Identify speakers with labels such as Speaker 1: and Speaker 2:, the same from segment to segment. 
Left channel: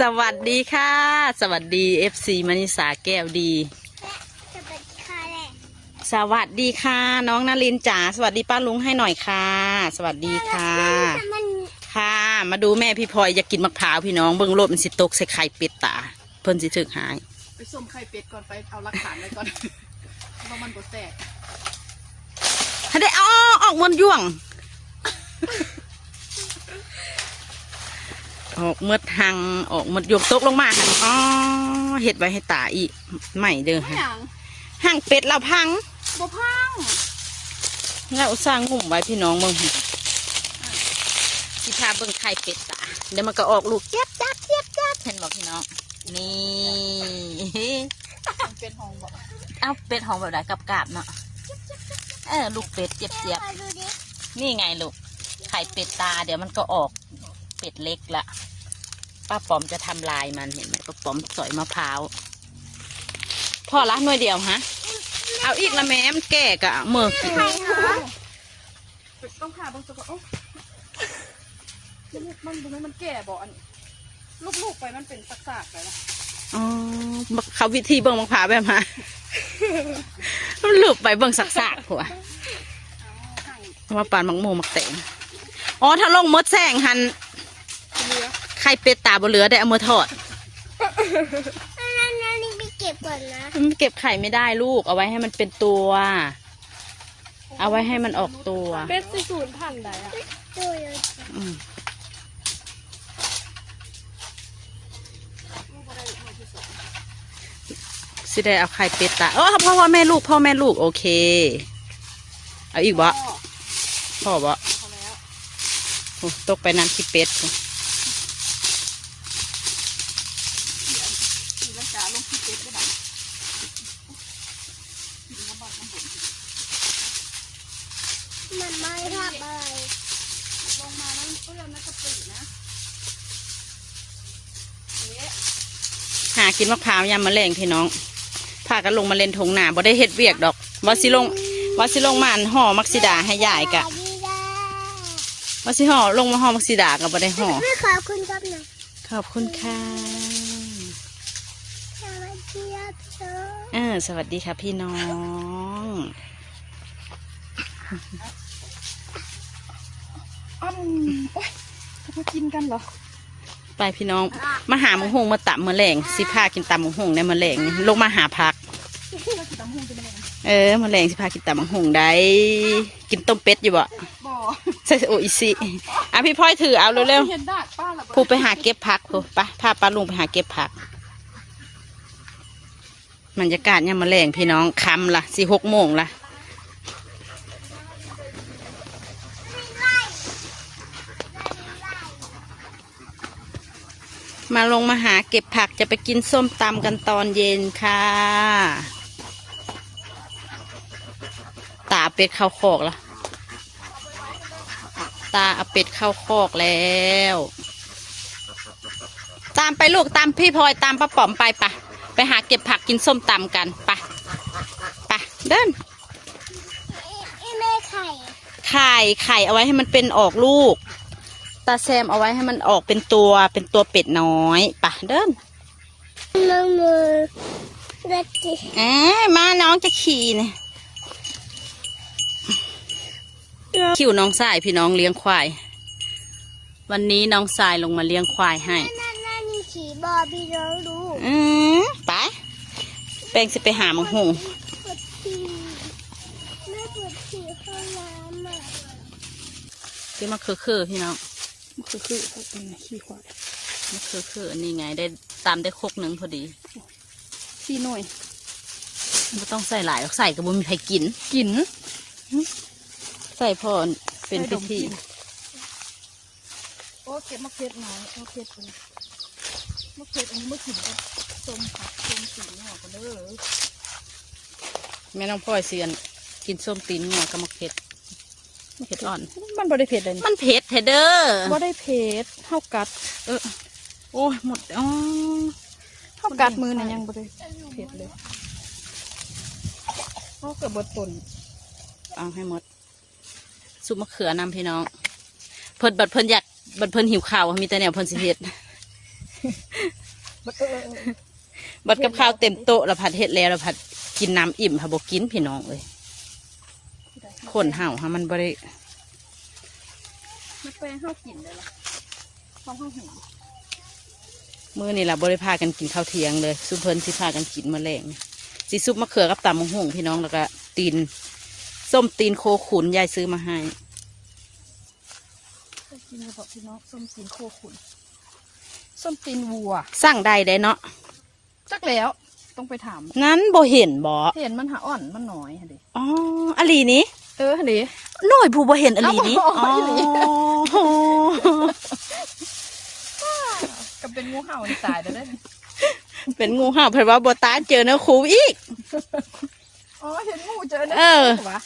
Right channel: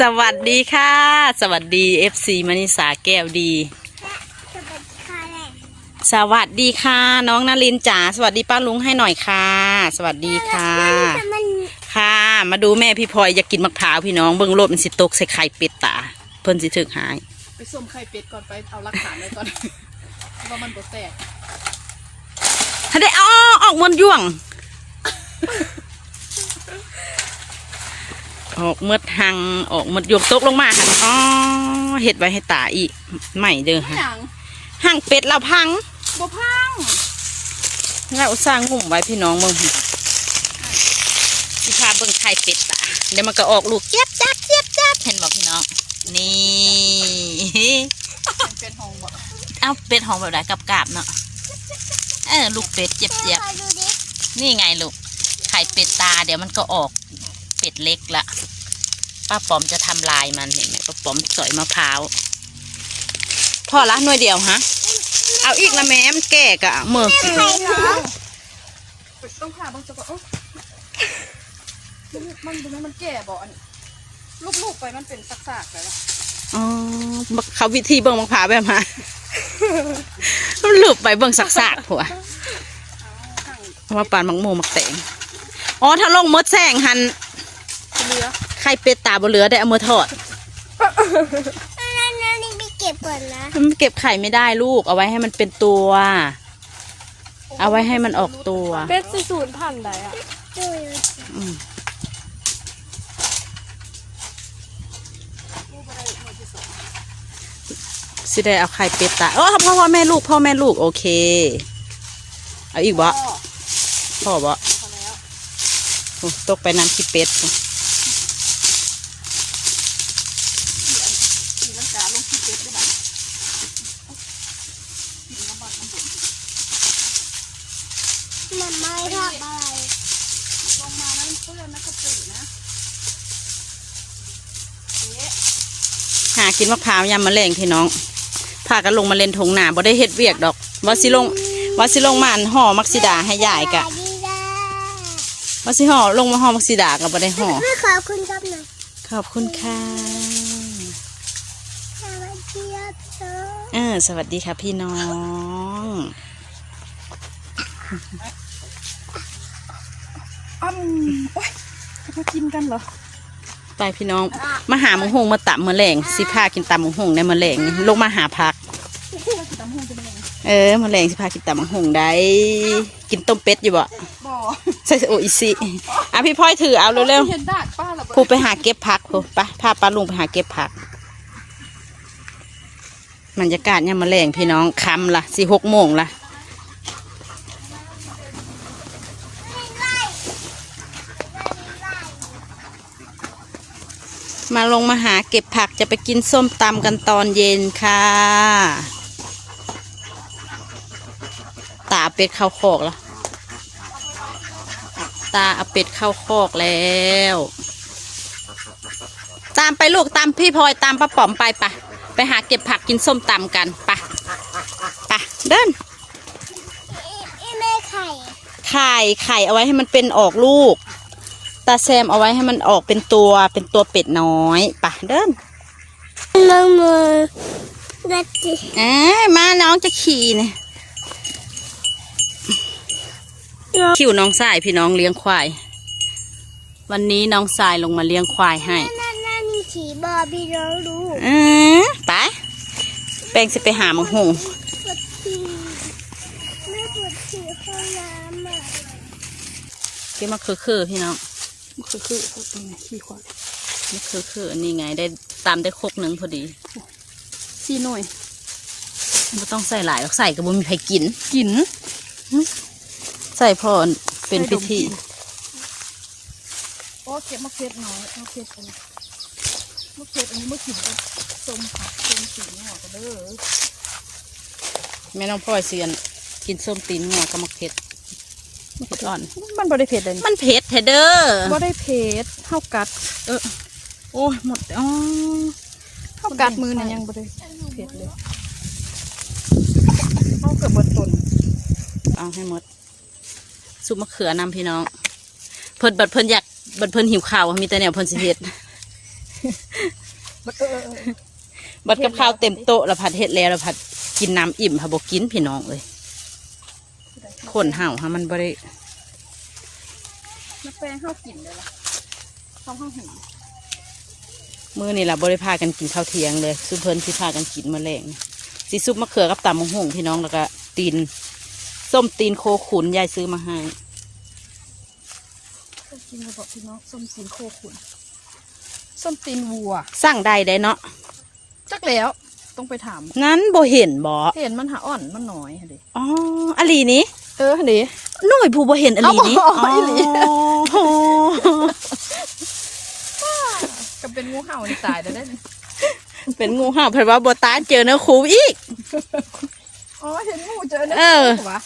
Speaker 1: สวัสดีค่ะ สวัสดี FC มณิสาแก้วดี
Speaker 2: จะเป็นคาแหละ
Speaker 1: สวัสดีค่ะ น้องนารินจ๋าสวัสดีป้าลุงให้หน่อยค่ะ สวัสดีค่ะ
Speaker 2: แต่มัน
Speaker 1: ค่ะ มาดูแม่พี่พลอยอยากกินมะพร้าวพี่น้องเบิ่งรถมันสิตกใส่ไข่เป็ดตาเพิ่นสิถึกหาย
Speaker 3: ไปส้มไข่เป็ดก่อนไปเอาหลักฐานไว้ก่อนว่ามันบ่แตก
Speaker 1: ถ้าได้อ๋อออกมันย่วง ออกเมดหังออกเมดยวงตกลงมาหันอ๋อเห็ดไว้ให้ตาอีกใหม่เด้อ
Speaker 3: ไม่
Speaker 1: ค่ะ
Speaker 3: หยัง
Speaker 1: หังเป็ดเราพัง
Speaker 3: บ่พัง
Speaker 1: แล้วสร้างหุ่มไว้พี่น้องเมืองพี่สิพาเบิ่งไข่เป็ดตาเดี๋ยวมันก็ออกลูกเจี๊ยบจับเจี๊ยบจับเห็นบอกพี่น้องนี่
Speaker 3: มันเป็นหงบ่
Speaker 1: เอาเป็ดหอมแบบไหนกับกาบๆเนาะเออลูกเป็ดเจี๊ยบเจี๊ยบ
Speaker 2: ขอดูดิ
Speaker 1: นี่ไงลูกไข่เป็ดตาเดี๋ยวมันก็ออกเป็ดเล็กละ ป้าป๋อมจะทำลายมันเห็นไหมป้าป๋อมสอยมะพร้าวพอละหน่วยเดียวฮะ เอาอีกละแม่มันแก่กะเมื่อกี้
Speaker 2: ไข่เหรอ
Speaker 3: ต้องผ่าเบิ่งซะก่อนโอ๊ยมันมันบ่แม่นมันแก่บ่อันลูกๆไปมันเป็นซากๆแล้วล่ะ
Speaker 1: อ๋อเขาวิธีเบิ่งมะพร้าวแบบฮะมันหลุดไปเบิ่งสักๆผัว
Speaker 3: ข้าง
Speaker 1: เอามาปานมังโมมักแตงอ๋อถ้าลงมดแซงหัน
Speaker 3: เหลือ
Speaker 1: ไข่เป็ดตาบ่เหลือได้เอามือทอด
Speaker 2: นั่นนั่นนี่ไม่เก็บก่อนนะ
Speaker 1: มันเก็บไข่ไม่ได้ลูก เอาไว้ให้มันเป็นตัว เอาไว้ให้มันออกตัว
Speaker 3: เป็ดสูนพันได้อะ
Speaker 2: ดูเลย
Speaker 1: อืมสิได้เอาไข่เป็ดตาอ๋อเพราะว่าแม่ลูกพ่อแม่ลูกโอเค เอาอีกบ่
Speaker 3: พ่อ
Speaker 1: พ่อบ่
Speaker 3: พอแล้ว
Speaker 1: โอ้ตกไปนั่นที่เป็ด
Speaker 3: นี่มันจะลงที่เป็ดได้บ่กินน้ำมันน้ำบ่น
Speaker 2: มันไม่ทำอะไร
Speaker 3: ลงมาแล้วมันเปื้อนนะกระปินะเอ๊ะ
Speaker 1: หา กินมะพร้าวยำมะเร็งพี่น้องพากันลงมาเล่นทงหนาบ่ได้เฮ็ดเวียกดอกว่าสิลงว่าสิลงมาอันห่อมักซิดาให้ยายกะ
Speaker 2: สวัสดีจ้า
Speaker 1: ว่าสิห่อลงมาห่อมักซิดาก็บ่ได้ห่อ
Speaker 2: ไม่ขอบคุณครับหน่อย
Speaker 1: ขอบคุณค่ะ
Speaker 2: สวัสดีครับเธอ
Speaker 1: เออสวัสดีค่ะพี่น้อง
Speaker 3: อ้ำโอ๊ยจะมากินกันเหรอ
Speaker 1: ไปพี่น้อง มาหาหมงหงมาตับมะแรงสิพากินตำมงหงในมะแรงลงมาหาพัก
Speaker 3: เป็นยังไง
Speaker 1: เออมะแรงสิพากินตำมงหงได้ กินต้มเป็ดอยู่บ่ใส่โออิซิอะพี่พลอยถือเอาเร็วๆผู้ไปหาเก็บผักผู้ไปพาปลาลุงไปหาเก็บผักบรรยากาศเนี่ยมมะแรงพี่น้องคำละสี่หกโมงละ มาลงมาหาเก็บผักจะไปกินส้มตำกันตอนเย็นค่ะ ตาเป็ดเข้าคอกละตาเอาเป็ดเข้าคอกแล้ว ตามไปลูกตามพี่พลอยตามป้าป๋อมไปปะไปหาเก็บผักกินส้มตำกันปะปะเดิน
Speaker 2: อีแม่ไข่
Speaker 1: ไข่ไข่เอาไว้ให้มันเป็นออกลูกตาแซมเอาไว้ให้มันออกเป็นตัวเป็นตัวเป็ดน้อยปะเดิน
Speaker 2: มือมือดัดจิ
Speaker 1: เอ้ยมาน้องจะขี่เนี่ยคิวน้องสายพี่น้องเลี้ยงควาย วันนี้น้องสายลงมาเลี้ยงควายให้
Speaker 2: นั่นนั่นขี่บอบี้น้องรู้
Speaker 1: อืมไปแป้งสิไปหาหมังหง
Speaker 2: ปวดฉี่แม่ปวดฉี่ห้องน้ำอะ
Speaker 1: ที่มาคือคือๆพี่น้อง
Speaker 3: มันคือคือเขาเป็นไงขี้ควาย
Speaker 1: นี่คือคืออันนี้ไงได้ตามได้ครกหนึ่งพอดี
Speaker 3: ซีหน่อย
Speaker 1: ไม่ต้องใส่หลายหรอกใส่ก็บ่มีใครกิน
Speaker 3: กิน
Speaker 1: ใส่พอเป็นพิธี
Speaker 3: อ๋อเก็บมะเขือน้อยมะเขืออันนี้มะเขืออันนี้มะขิมก็ส้มผักส้มสีหน่อกันเด้อ
Speaker 1: แม่น้องพ่อยเสียนกินส้มตีนงอกกับมะเขือมะเขื ออ่อน
Speaker 3: มันบ่ได้เผ็ดเลย
Speaker 1: มันเผ็ดเถอะเด้อ
Speaker 3: บ่ได้เผ็ดเท่ากัด
Speaker 1: เออโอ้ยหมดอ๋อ
Speaker 3: เท่ากัดมือเนี่ยยังบ่ได้เผ็ดเลยเท่ากับบนตุน
Speaker 1: เอาให้หมดซุปมะเขือนำพี่น้องเพิ่นบัดเพิ่นอยากบัดเพิ่นหิวข้าวมีแต่แนวเพิ่นสิเฮ็ด
Speaker 3: บักเออเออเออ
Speaker 1: บัดกับข้าวเต็มโต๊ะแล้วผัดเฮ็ดแล้วแล้วผัดกินน้ำอิ่มค่ะบ่กินพี่น้องเลยคนเห่าค่ะมันบ่ได้
Speaker 3: นักแป้งข้าวกินเลยล่ะข้าวข้าวหิว
Speaker 1: มื้อนี่ล่ะบ่ได้พากันกินข้าวเที่ยงเลยซุปเพิ่นสิพากันกินมื้อแรงสิซุปมะเขือกับตำมะฮุ่งพี่น้องแล้วก็ตีนส้มตีนโคขุนยายซื้อมาให้
Speaker 3: ส้มกินกระบอกพี่น้องส้มตีนโคขุนส้มตีนวัว
Speaker 1: สั่งได้ได้เนาะ
Speaker 3: จักแล้วต้องไปถาม
Speaker 1: งั้นบ่เห็นบ่
Speaker 3: เห็นมันหาอ่อนมันน้อยฮะดิ
Speaker 1: อ๋ออลีนี้
Speaker 3: เออฮะดิ
Speaker 1: หน่อยผู้บ่เห็นอลีนี้
Speaker 3: เอาบ่อีหลี
Speaker 1: อ๋อ
Speaker 3: ก็เป็นงูเห่าในสายได้ได้นี่
Speaker 1: เป็นงูเห่าเพราะว่าบ่ตาเจอเนื้อคูอีก
Speaker 3: อ๋อเห็นงูเจอเนี่ย
Speaker 1: เออ
Speaker 3: วะ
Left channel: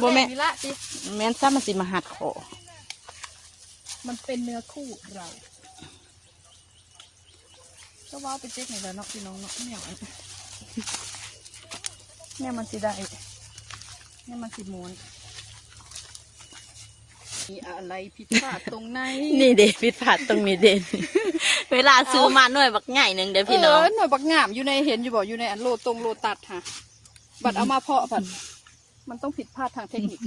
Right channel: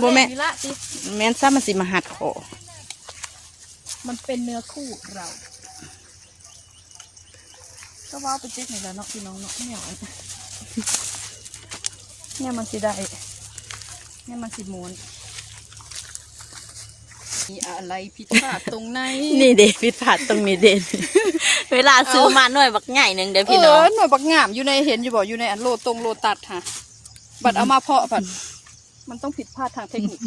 Speaker 1: บ่แม่
Speaker 3: ละสิ
Speaker 1: แม่นซ้ำมันสิมาหัดคอ
Speaker 3: มันเป็นเนื้อคู่เราก็ว่าไปเจ๊กหน่อยแล้วเนาะพี่น้องเนาะเนี่ยเนี่ยมันสิได้เนี่ยมันสิม้วนมีอะไรผิดพลาดตรงไหน
Speaker 1: นี่เด้พิดพลาดตรงนี้เด่นเวลาซื้อมาหน่อยบักใหญ่หนึ่งเด้อพี่น้อง
Speaker 3: เออหน่วยบักงามอยู่ในเห็นอยู่บ่อยู่ในอันโลตรงโลตัดค่ะ บัดเอามาเพาะผัดมันต้องผิดพลาดทางเทคนิค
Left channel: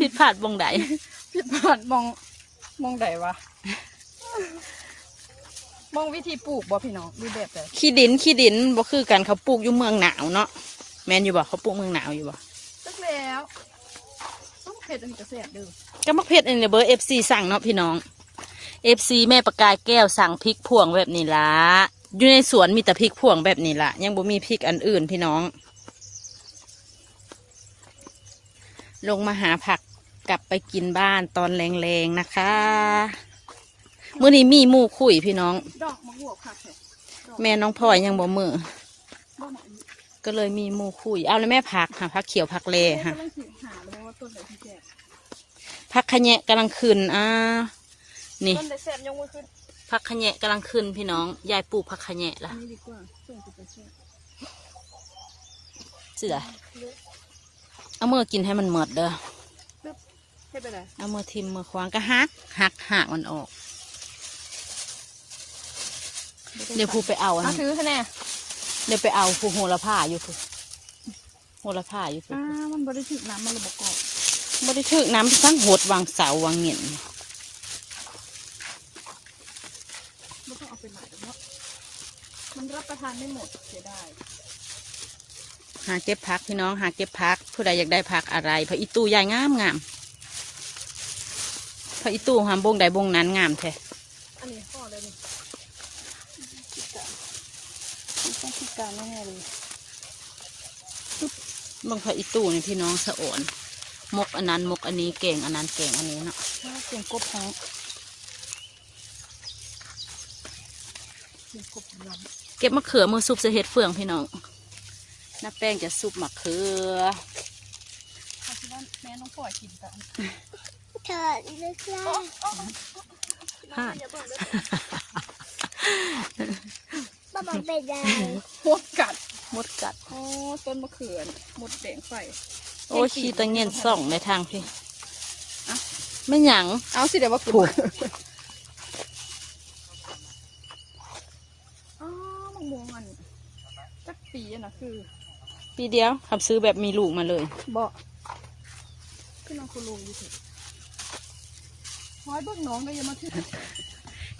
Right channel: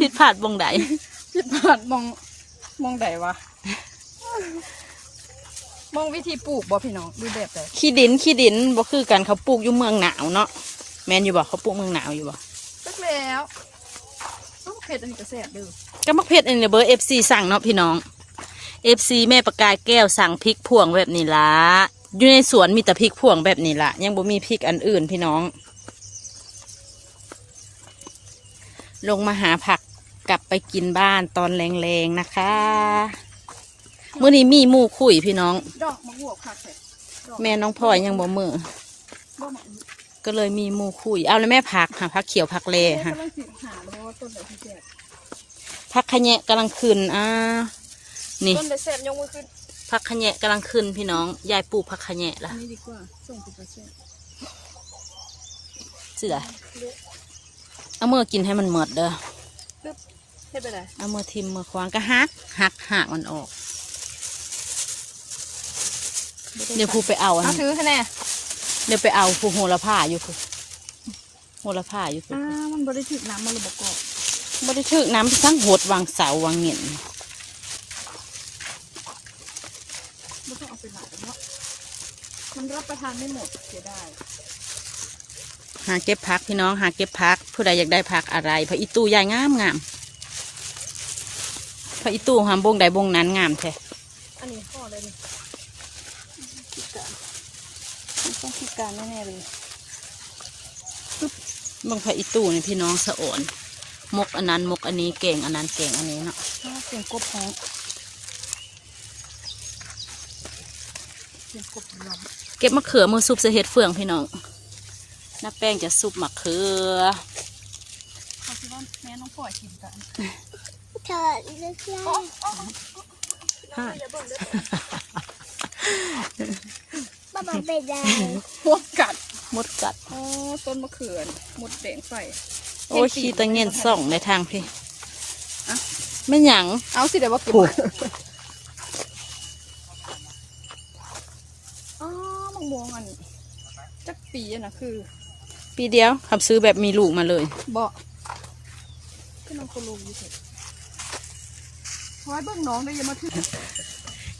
Speaker 1: ผิดพลาดบงใด
Speaker 3: ผิดพลาดมองมองใดวะ มองวิธีปลูกบ่พี่น้องวิแบบเลย
Speaker 1: ขี้ดินขี้ดินบ่คือกันเขาปลูกอยู่เมืองหนาวเนาะแม่นอยู่บ่เขาปลูกเมืองหนาวอยู่บ่
Speaker 3: ตึกแล้วต้อง เผ็ดอันนี้จะแซ่บเด้อ
Speaker 1: ก็มักเพชรอันนี้เบอร์ FC สั่งเนาะพี่น้อง FC แม่ประกายแก้วสั่งพริกพวงแบบนี้ละอยู่ในสวนมีแต่พริกพวงแบบนี้ละยังบ่มีพริกอันอื่นพี่น้อง ลงมาหาผักกลับไปกินบ้านตอนแรงๆนะคะเมื่อนี้มีหมูคุยพี่น้อง
Speaker 3: ดอกมะม่วงค่ะแซ่บ
Speaker 1: แม่น้องพลอยยังบ่มือ
Speaker 3: ดอกมะม่วง
Speaker 1: ก็เลยมีมูคุยเอาแล้วแม่ผักค่ะผักเขียวผักเล่ค่ะผักขะแยะกำลังขึ้นอ่านี่
Speaker 3: ต้นไหนแซ่บยกมือขึ้น
Speaker 1: ผักขะแยะกำลังขึ้นพี่น้องยายปลูกผักขะแยะละ
Speaker 3: นี่ดีกว่าส่งไปแซ่
Speaker 1: เสือเอามือกินให้มันหมดเด้อเอามือทิมมือควางก็หักหักหักมันออก เดี๋ยวพูไปเอาอัน
Speaker 3: เอา
Speaker 1: นี้
Speaker 3: ถือคะแนน
Speaker 1: เดี๋ยวไปเอาผู้โหระพาอยู่ผู้โหระพาอยู่ผู้
Speaker 3: อ่ามันบริถิน้ำมันระบบกอก
Speaker 1: ไม่ได้ถึกน้ำทั้งหดวางเสาวางเหงียน
Speaker 3: ไม่ต้องเอาไปหลายเนาะมันรับประทานไม่หมดเสียดาย
Speaker 1: หาเก็บพักพี่น้องหาเก็บพัก ผู้ใดอยากได้พักอะไรพระอีตู้ใหญ่งามงามพระอีตู้หามบงใดบงนั้นงามแท้
Speaker 3: อันนี้ห่อเลยนี่พิการมันต้องพิ การแน่ๆเลย
Speaker 1: บางพระอีตู้เนี่ยพี่น้องสะโอนมกอันนั้นมกอันนี้เก่งอันนั้นเก่งอันนี้เนาะ
Speaker 3: เพราะว่าเป็นกบแพ้เป็นกบลม
Speaker 1: เก็บมะเขือมือซุปจะเฮ็ดเฟืองพี่น้องน้าแป้งจะซุปมะเขือ
Speaker 3: เขาคิดว่าแม่น้องปล่อยกินกัน
Speaker 2: เธอเลือกได้
Speaker 1: ฮะ
Speaker 2: ป้าบอกไปได้
Speaker 3: หัวกัด
Speaker 1: มดกัด
Speaker 3: อ๋อต้นมะเขือหมดแดงไฟ
Speaker 1: โอ้ยขี้ตะเงียนส่องในทางพี่ไม่หยัง
Speaker 3: เอาสิเดี๋ยวว่ากิน
Speaker 1: โอ้
Speaker 3: อ๋อมังม่วงอันจักปีอะนะคือ
Speaker 1: ปีเดียวขับซื้อแบบมีลูกมาเลย
Speaker 3: บ่ก็ลองคนลงเถอะเพราะว่าเบิ่งน้องได้ยังมาถึง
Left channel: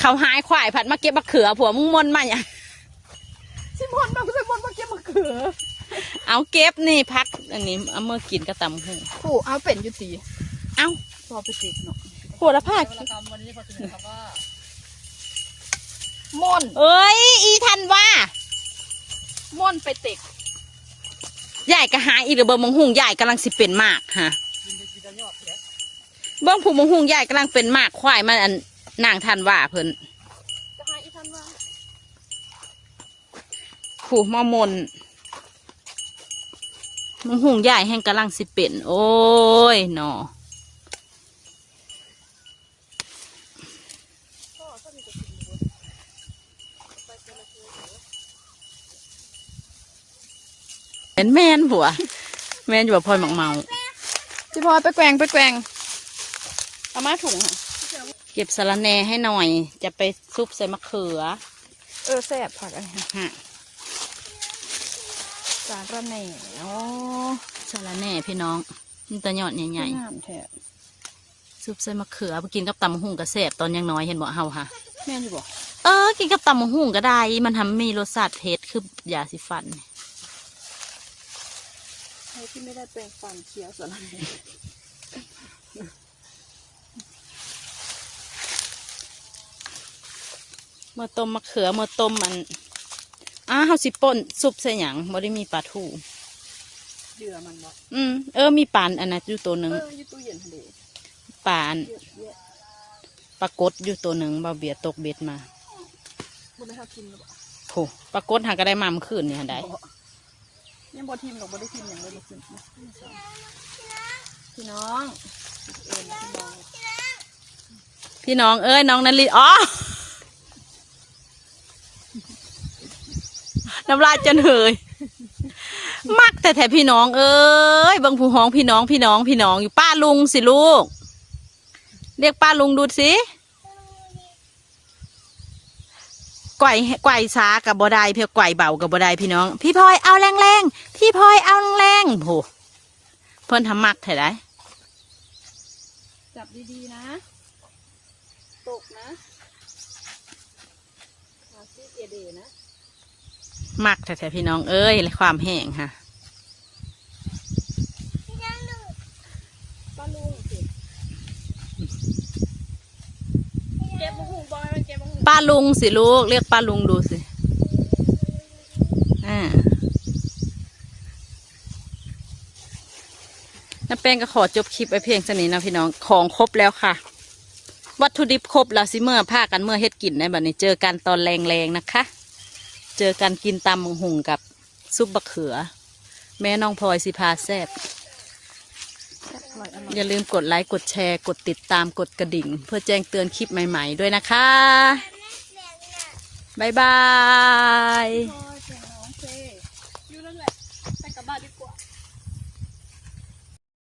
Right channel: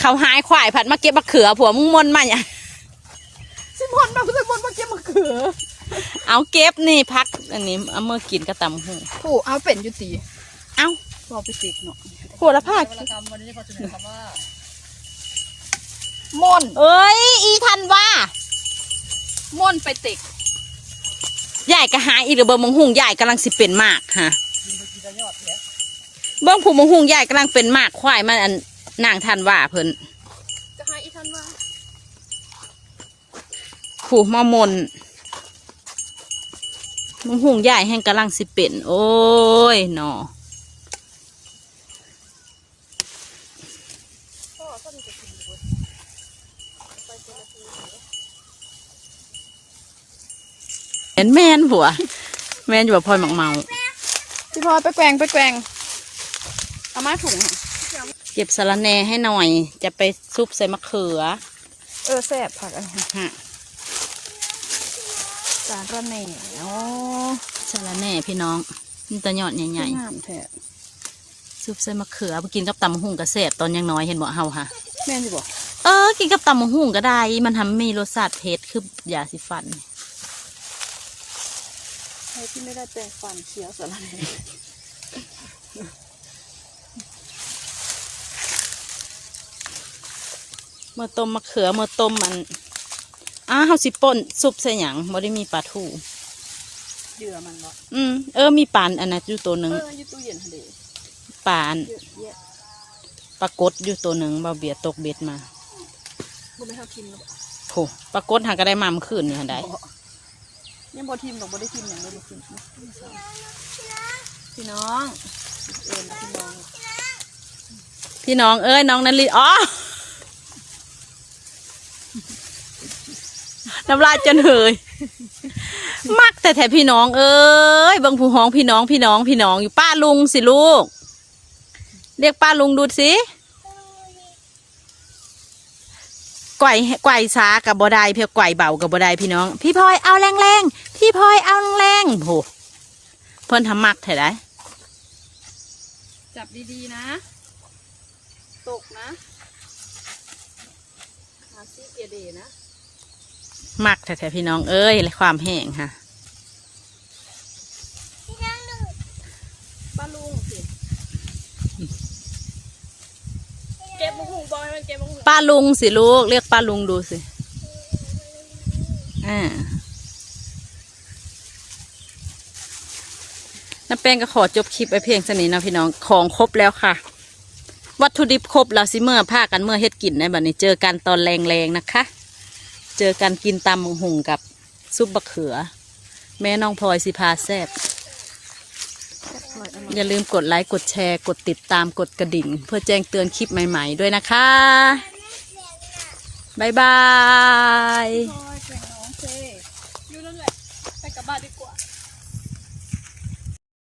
Speaker 1: เขาหายควายผัดมาเก็บมะเขือผัวมึงมนมาอย่าง
Speaker 3: สิมอ นมาสิมอนมาเก็บมะเขือ
Speaker 1: เอาเก็บนี่พักอันนี้เอามื่อกินกระตำหู
Speaker 3: โอ้เอาเป็นอยู่ตี
Speaker 1: เอ้า
Speaker 3: พอไปติดเนาะ
Speaker 1: โหระพา
Speaker 3: เวลาทำวันนี้พอเสนอคำว่าม่อน
Speaker 1: เอ้ยอีทันว่า
Speaker 3: ม่อนไปติก
Speaker 1: ใหญ่ก็หาอีกเดี๋ยวเบิ่งมงหุงใหญ่กำลังสิเป็นมากฮะเบิ่งผู้มงหุงใหญ่กำลังเป็นมากควายมันอันนางทันว่าเพิ่น
Speaker 3: จะหาอีทันมา
Speaker 1: ผู้มามนมงหุงใหญ่แห่งกำลังสิเป็น โอ้ยหนอแมนแมนผัว แมนอยู่ว่าพลอยหมักเมา
Speaker 3: สิพอไปแกว่งไปแกว่งเอาไม้ถุงค่ะ
Speaker 1: เก็บสะระแหน่ให้หน่อย จะไปซุปใส่มะเขือ
Speaker 3: เออแสบผักอะไร
Speaker 1: ฮะ
Speaker 3: สารก็แหน่
Speaker 1: โอ้สาระแหน่พี่น้องนี่ตะยอดใหญ่
Speaker 3: งามแท้
Speaker 1: ๆซุปใส่มะเขือไปกินกับตำมะหุ่งกระเสบตอนยังน้อยเห็นบ่เฮาค่ะ
Speaker 3: แม่นอยู่บ่
Speaker 1: เออ กินกับตำมะหุ่งก็ได้ มันทำมีรสชาติเผ็ดคือยาสีฟัน
Speaker 3: ใครที่ไม่ได้แปรงฟันเคี้ยวสารแหน่
Speaker 1: เมื่อต้มมะเขือเมื่อต้มมัน อ้าเฮาสิป่นซุปใส่หยังบ่ได้มีปลาทู
Speaker 3: เหยื่อมันบ่
Speaker 1: อืมเออมีปลาอันนั้นอยู่ตัวหนึ่ง
Speaker 3: เอออยู่ตู้เย็นทะเล
Speaker 1: ปลาอัน
Speaker 3: เยอะแยะ
Speaker 1: ปลากดอยู่ตัวหนึ่งเบาเบียดตกเบ็ดมา
Speaker 3: บ่ไม่เท่ากินหรอก
Speaker 1: โหปลากดหาก็ได้มาเมื่อคืนนี่หันได้
Speaker 3: ยังบ่ทิมหรอกบ่ได้ทิมอย่างบ่ได้ทิมนะนี่สอง
Speaker 1: พี่น้อง
Speaker 3: เอิญพี่น้อง
Speaker 1: พี่น้องเอ้ยน้องนันลีอ๋อ น้ำลายจนเหยมักแต่แถพี่น้อง เอ้ยบางผู้ห้องพี่น้องพี่น้องพี่น้องอยู่ป้าลุงสิลูก เรียกป้าลุงดูสิก่อยก่อยซากับบไดเพียก่อยเบากับบไดพี่น้อง พี่พลอยเอาแรงแรงพี่พลอยเอาแรงโหเพิ่นทำมักเถอะได้
Speaker 3: จับดีๆนะ ตกนะขาซี่เกเดนะ
Speaker 1: มักแท้ๆพี่น้องเอ้ยและความแห้งค่ะ
Speaker 3: ป้าลุงสิ
Speaker 1: ลูก เรียกป้าลุงดูสิอ่าน้าแป้งก็ขอจบคลิปไปเพียงเท่านี้นะพี่น้องของครบแล้วค่ะ วัตถุดิบครบแล้วสิเมื่อผ้ากันเมื่อเฮ็ดกินในบัดนี้เจอกันตอนแรงๆนะคะ เจอกันกินตำหุงกับซุปบะเขือ แม่น้องพลอยสิพาแซบ
Speaker 3: อร่อยอร่อย
Speaker 1: อย่าลืมกดไลค์กดแชร์ กดติดตามกดกระดิ่ง เพื่อแจ้งเตือนคลิปใหม่ๆด้วยนะคะ บ๊ายบาย